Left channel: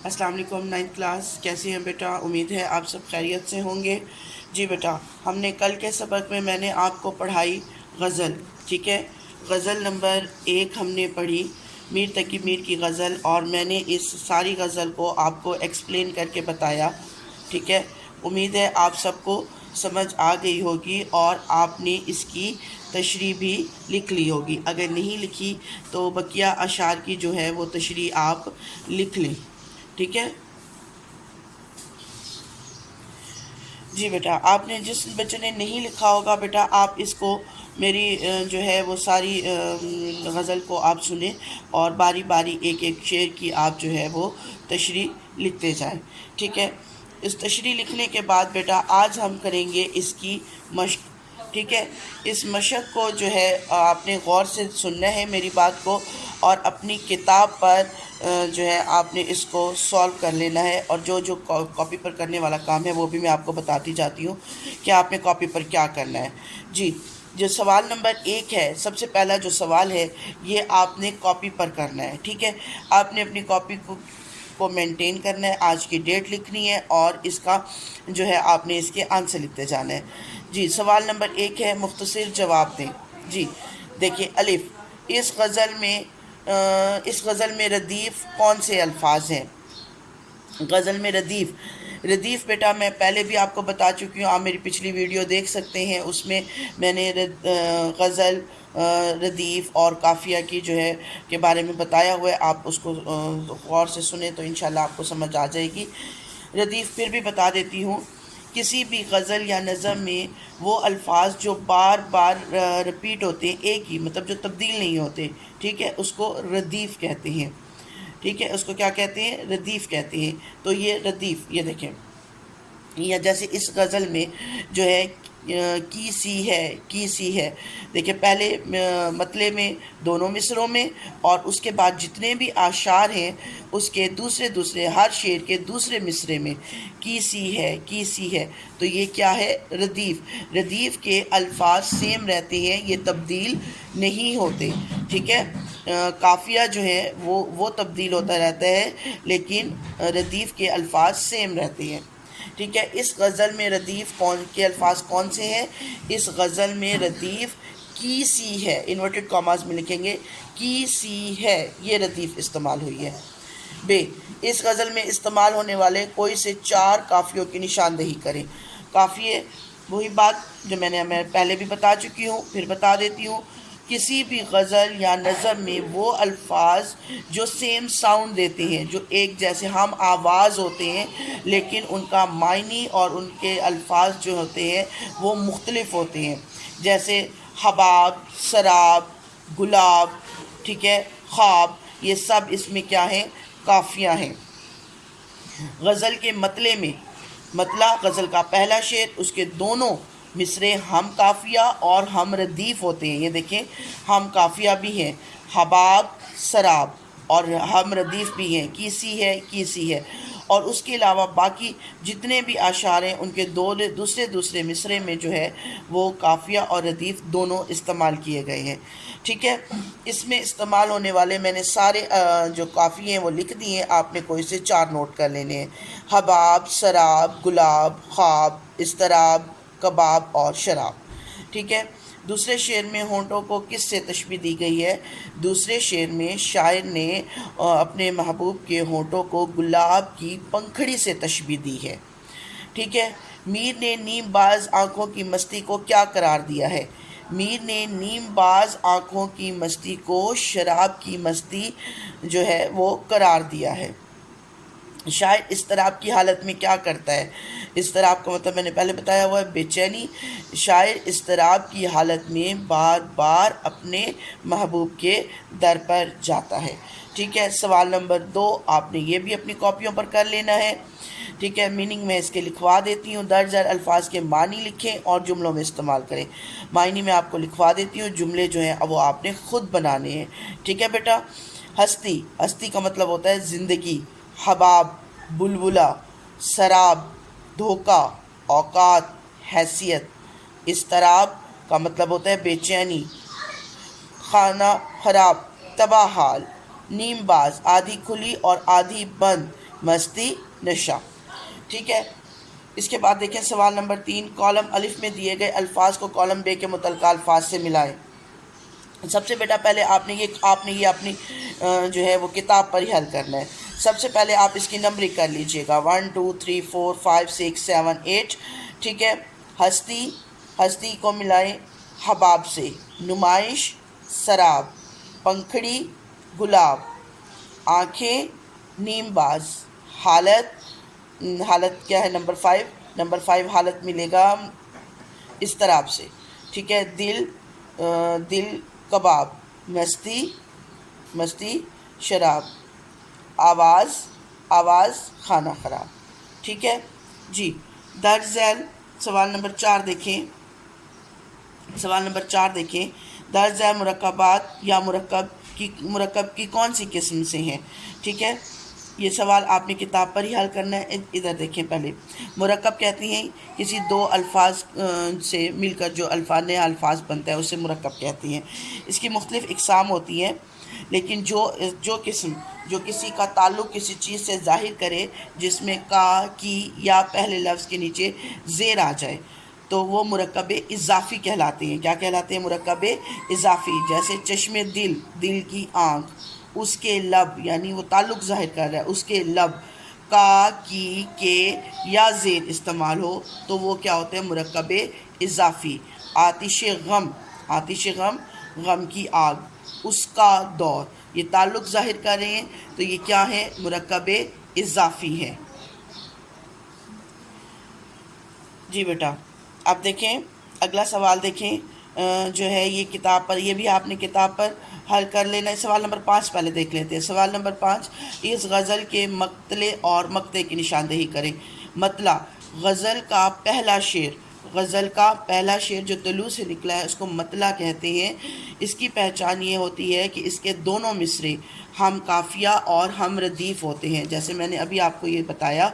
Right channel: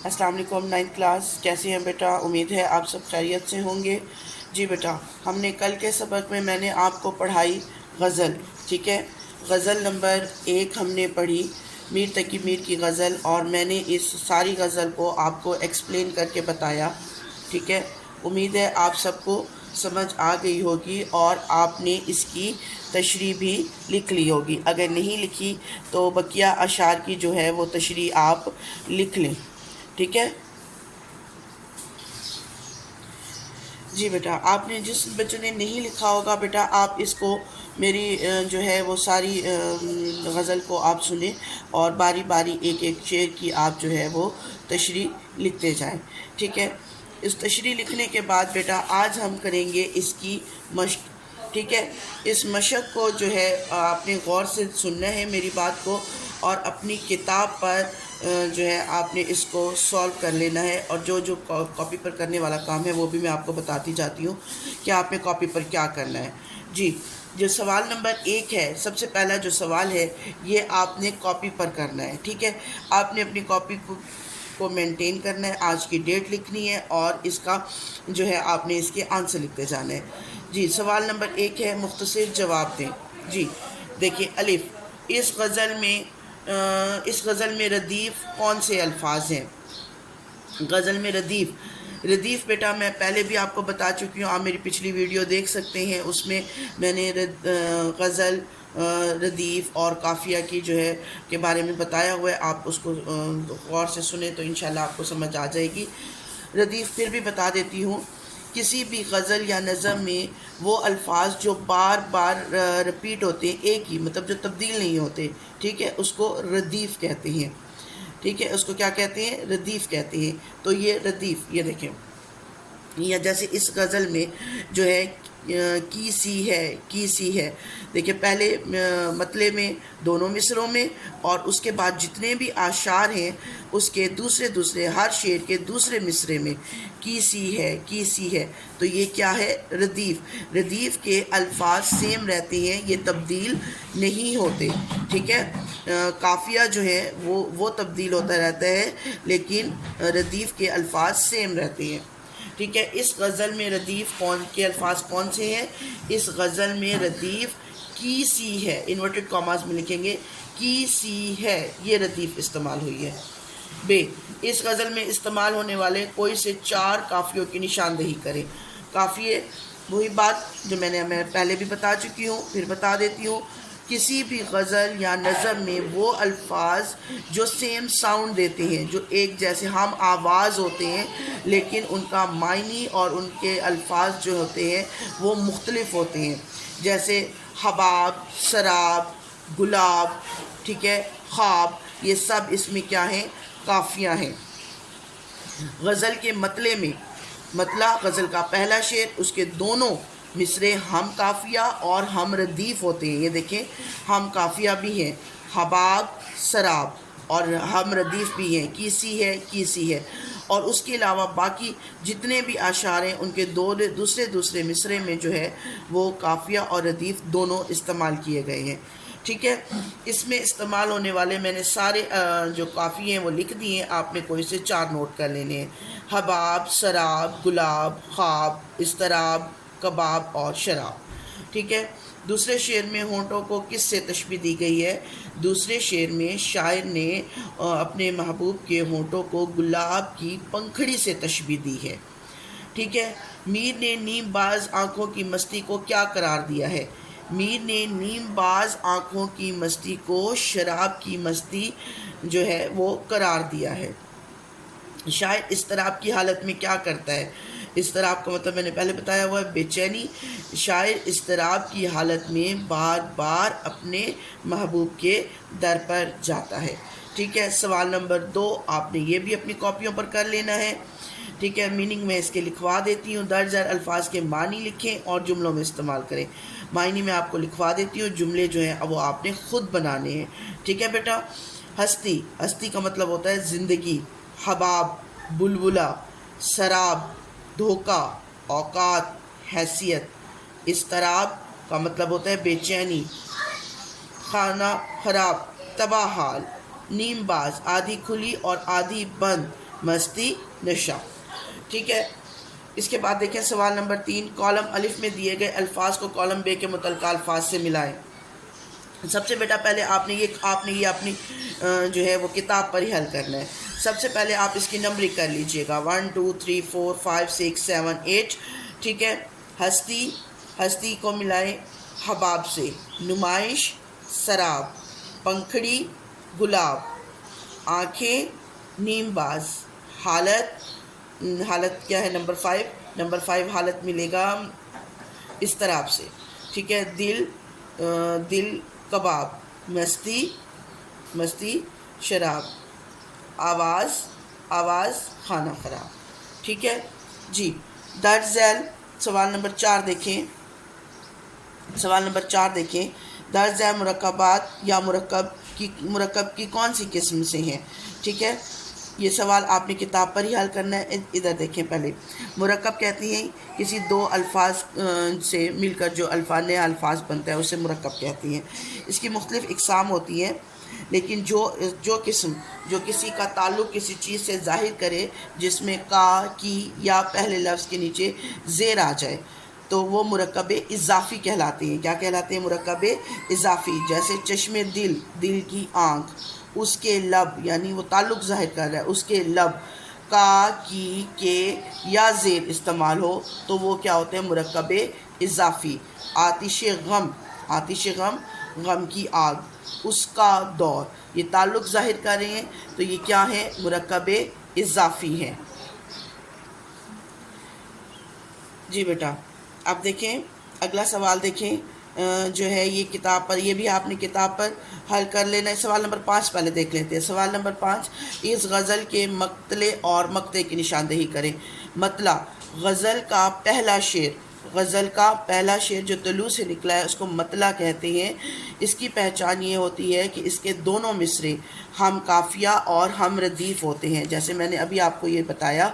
अस्सलाम वालेकुम। 9th class, कैसे हैं बेटा? उम्मीद है आप सब खैरियत से होंगे। जी बेटा, हमने कल के सबक में मैंने आपको पढ़ाई गज़ल, ठीक है। गज़ल नंबर 1 हमने पढ़ी, मीर तकी मीर की गज़ल, और मैंने इस सारी गज़ल को आपको एक्सप्लेन करके बताया, ठीक है। उम्मीद है आप सबको समझ आ गई होगी और आपने इसकी तशरीह भी लिख ली होगी। अगर नहीं लिखी तो बकिया अशार की जो है वो तशरीह आप लिख लें, ठीक है। जी बेटा, आपने जिस बच्चों ने नहीं लिखा होगा बेटा, आप इसको मेरी जो है वो सारी गज़ल को आप सुने और बारी बारी एक एक शेर की आप जो है वो तशरीह लिखते जाएं, ठीक है। इस तशरीह लिखने के बाद बेटा आज हम करेंगे इसकी मश्क, ठीक है। इस मशक को जो है आपने गौर से सुनना है मेरी बात को, और अपनी किताब पर जो है आपने इसको सॉल्व कर लेना है। और जो जो कॉपी पर करने वाला काम है वो भी मैं आपको बताती जाती हूँ कि आपने कॉपी पर क्या करना है। जी, जो सवाल नंबर 1 है, सबसे पहला जो सवाल है ये आपने कॉपी पर करना है, ठीक है। आपने अपनी कॉपी को मेंटेन करना है, आज की डेट लिखनी है और इसका जो है आपने इसके आंसर लिखते जाना है। जी, सवाल नंबर 1 है, मुख्तसर जवाब दें। जी देखिए, अलिफ, इस गज़ल में रदीफ़ कौन से अल्फाज हैं? गज़ल में रदीफ़, रदीफ़ बेटा मैं पहले भी आपको बता चुकी हूँ, आप मेरी पिछली वीडियो देख सकते हैं, उसमें मैंने गज़ल रदीफ़ और काफ़िया की जो है के बारे में बताया हुआ है। आप उसको गौर से सुने तो इंशाल्लाह आपको समझ आ जाएगी। रदीफ़ फिर भी बता देती हूँ, किसी भी गज़ल या नज़म में वो अल्फाज जो बार बार रिपीट होते हैं, एक ही मतलब जो तब्दील नहीं होते, ठीक है, उसको रदीफ़ कहते हैं, ठीक है। उसको क्या कहते हैं? रदीफ़ कहते हैं। तो ये रदीफ़, ये देखें, या जैसे इस गज़ल में जो है की सी है, देखिए पहले मतले में दोनों मिसरों में, और उसके बाद जितने भी आशार हैं उसके दूसरे दूसरे हर शेर के दूसरे मिसरे में की सी है। तो ये क्या है? रदीफ़। रदीफ़ के अल्फाज सेम रहते हैं, ये तब्दील नहीं होते, ठीक है। काफ़िया जो है वो तब्दील होता रहता है, लेकिन रदीफ़ के अल्फाज सेम रहते हैं, ठीक है। इस गज़ल में रदीफ़ कौन के अल्फाज कौन से हैं? इस गज़ल में रदीफ़ की सी है, इन्वर्टेड कॉमास में लिखेंगे, की सी है, ये रदीफ़ इस्तेमाल हुई है। बे, इस गज़ल में इस्तेमाल होने वाले कोई से 4 काफ़ियों की निशानदेही करें। काफ़िए, वही बात जो मैं पहले भी बता चुकी हूँ, फिर बता देती हूँ। किसी भी गज़ल या नज़म में वो अल्फाज जो सेम साउंड देते हैं, जो एक जैसे हम आवाज़ होते हैं, लेकिन उनका मायनी और उनके अल्फाज जो होते हैं वो मुख्तलिफ होते हैं। जैसे हबाब, शराब, गुलाब, ठीक है, ख्वाब, ये सब इसमें क्या हैं? काफ़ियाँ हैं। गज़ल के मतले में, मतला गज़ल का पहला शेर, उसके दोनों मिसरे हम काफ़िया और हम रदीफ़ होते हैं। ये देखें, हम काफ़िया भी हैं, हबाब, शराब, और हम रदीफ़ भी हैं, की सी है। और उसके अलावा बाकी जितने भी आशार हैं उनके दूसरे दूसरे मिसरे में जो है वो काफ़िया और रदीफ़ दोनों इस्तेमाल किए गए हैं, ठीक है। इसमें इस्तेमाल होने वाले मैंने सारे जो काफ़ी हैं वो लिख दिए हैं, आपने कोई से 4 नोट कर लेने हैं। हबाब, शराब, गुलाब, ख्वाब, इस्तराब, कबाब और शराब, ठीक है। दूसरे शेर में होंठों को किस से तशबीह दी गई है? दूसरे शेर में शायर ने अपने महबूब के होंठों को गुलाब की पंखड़ी से तशबीह दी है, ठीक है। मीर ने नीम बाज आँखों की मस्ती को क्या करार दिया है? मीर ने नीम बाज आँखों की मस्ती को शराब की मस्ती जो है वो करार दिया है। शायर इस्तराब की हालत में क्या करता है? इस्तराब का मतलब मैंने पहले बताया हुआ है, बेचैनी। शायर इस्तराब की हालत में बार बार अपने महबूब के दर पर जाता है, ठीक है। सवाल नंबर 2 आपने ये भी अपनी कॉपियों पर कर लेना है, ठीक है। मीनिंग में इसके लिखवा देती हूँ। दर्ज अल्फाज के मानी लिखें और जुमलों में इस्तेमाल करें। मायनी में आपको लिखवा देती हूँ, जुमले जो हैं वो आपने ख़ुद बनाने हैं, ठीक है बेटा। हस्ती, हस्ती का मतलब होता है ज़िंदगी। हबाब, बुलबुला, शराब, धोखा, औकात, हैसियत। इस्तराब का मतलब होता है बेचैनी। खाना खराब, तबाह हाल। नीमबाज, आधी खुली और आधी बंद, مستی نشہ. ٹھیک ہے. اس کے بعد دیکھیں سوال نمبر 3. کالم الف میں دیے گئے الفاظ کو کالم بے کے متعلقہ الفاظ سے ملائیں. سب سے بیٹا پہلے آپ نے یہ اپنی جو ہے وہ کتاب پر ہی حل کرنا ہے. سب سے پہلے آپ اس کی نمبرنگ کر لیجئے گا 1 2 3 4 5 6 7 8. ٹھیک ہے. ہستی کو ملائیں حباب سے. نمائش سراب. پنکھڑی گلاب. آنکھیں نیم باز. حالت کیا ہے نمبر 5. نمبر 5 حالت ملے گا اضطراب سے. ٹھیک ہے. دل کباب. مستی شراب. آواز کھانا خراب. ٹھیک ہے جی. درج ذیل سوال نمبر 4 دیکھیں. درج ذیل مرکبات یا مرکب کی کون سی قسم سے ہیں. ٹھیک ہے. یہ سوال آپ نے کتاب پر ہی حل کرنا ہے. ادھر دیکھیں. پہلے مرکب کہتی ہیں کسی دو الفاظ سے مل کر جو نیا الفاظ بنتا ہے اسے مرکب کہتی ہیں. اس کی مختلف اقسام ہوتی ہیں، لیکن جو قسم جو کسی کا تعلق کسی چیز سے ظاہر کرے جس میں کا کی یا پہلے لفظ کے نیچے زیر آ جائے تو وہ مرکب اضافی کہلاتے ہیں. کیا کہلاتے ہیں؟ مرکب اضافی. جیسے چشم دل کی آنکھ. اس کے لب یعنی وہ تعلق ظاہر کر رہا ہے، اس کے لب کا کی کے یا زیر استعمال ہو تو وہ کیا ہوتے ہیں؟ مرکب اضافی. آتش غم کی آگ. اس کا دور. یہ تعلق ظاہر کر رہے ہیں تو یہ کیا ہے؟ مرکب اضافی ہے. جی بیٹا اب دیکھیں اگلا سوال دیکھیں. جو ہے یہ کتاب پر، یہ بھی آپ نے کتاب پر حل کر لینا ہے. سوال نمبر 5 پہلے دیکھ لیتے ہیں. سوال نمبر 5. اس غزل کے مقتلے اور مقطع کی نشاندہی کریں. مطلع غزل کا پہلا شعر جو طلوع سے نکلا ہے اس کو مطلع کہتے ہیں. اس کی پہچان یہ ہوتی ہے کہ اس کے دونوں مصرے ہم قافیہ اور ہم ردیف ہوتے ہیں. جیسے میں نے ابھی آپ کو یہ بتایا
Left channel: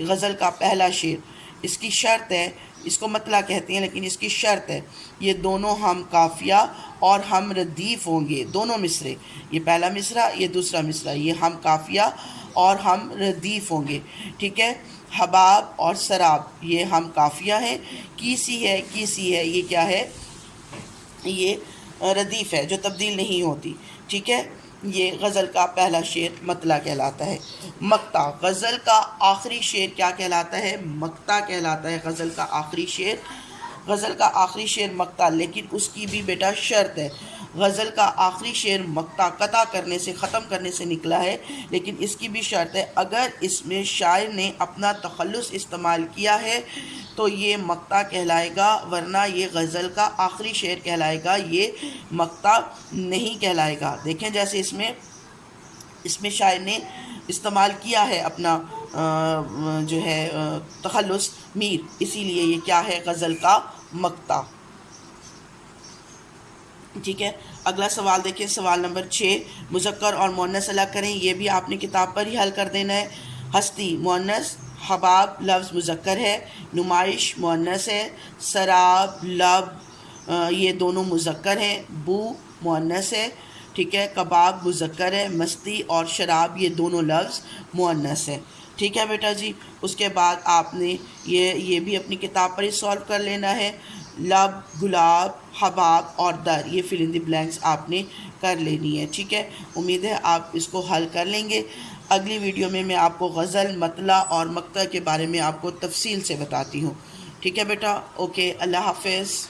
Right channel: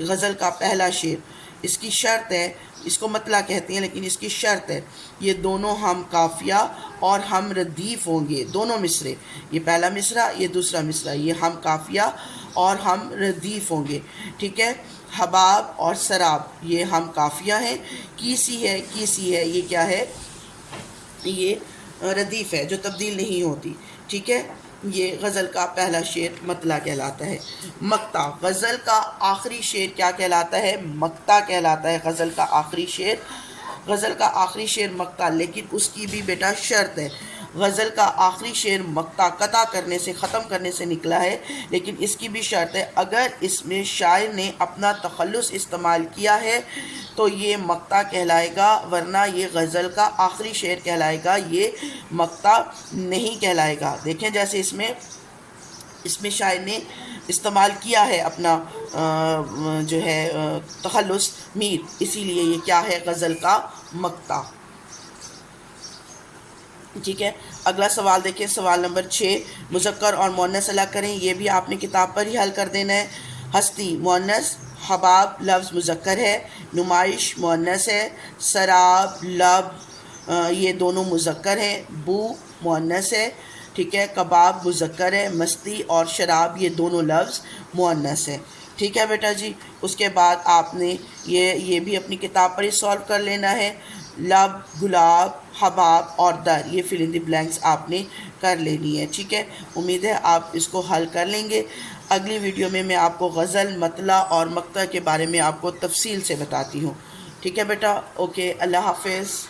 غزل کا پہلا شعر، اس کی شرط ہے، اس کو مطلع کہتے ہیں لیکن اس کی شرط ہے یہ دونوں ہم قافیہ اور ہم ردیف ہوں گے. دونوں مصرے، یہ پہلا مصرع یہ دوسرا مصرع، یہ ہم قافیہ اور ہم ردیف ہوں گے. ٹھیک ہے. حباب اور سراب یہ ہم قافیہ ہیں. کیسی ہے یہ کیا ہے؟ یہ ردیف ہے جو تبدیل نہیں ہوتی. ٹھیک ہے. یہ غزل کا پہلا شعر مطلع کہلاتا ہے. مقطع غزل کا آخری شعر کیا کہلاتا ہے؟ مقطع کہلاتا ہے. غزل کا آخری شعر مقطع، لیکن اس کی بھی بیٹا شرط ہے. غزل کا آخری شعر مقطع قطع کرنے سے، ختم کرنے سے نکلا ہے، لیکن اس کی بھی شرط ہے اگر اس میں شاعر نے اپنا تخلص استعمال کیا ہے تو یہ مقطع کہلائے گا، ورنہ یہ غزل کا آخری شعر کہلائے گا، یہ مقطع نہیں کہلائے گا. دیکھیں جیسے اس میں شاعر نے استعمال کیا ہے اپنا جو ہے تخلص میر، اسی لیے یہ کیا ہے؟ غزل کا مقطع. ٹھیک ہے. اگلا سوال دیکھیں. سوال نمبر 6. مذکر اور مؤنث الگ کریں. یہ بھی آپ نے کتاب پر ہی حل کر دینا ہے. ہستی مؤنث، حباب لفظ مذکر ہے، نمائش مؤنث ہے، سراب لب یہ دونوں مذکر ہیں، بو مؤنث ہے. ٹھیک ہے. کباب مذکر ہے، مستی اور شراب یہ دونوں لفظ مؤنث ہے. ٹھیک ہے بیٹا جی. اس کے بعد آپ نے یہ بھی اپنی کتاب پر ہی سولو کر لینا ہے. لب، گلاب، حباب اور در یہ فل ان دی بلینکس آپ نے کر لینی ہے. ٹھیک ہے. امید ہے آپ اس کو حل کر لیں گے. اگلی ویڈیو میں آپ کو غزل، مطلع اور مقطع کے بارے میں آپ کو تفصیل سے بتاتی ہوں. ٹھیک ہے بیٹا. اوکے. اللہ حافظ.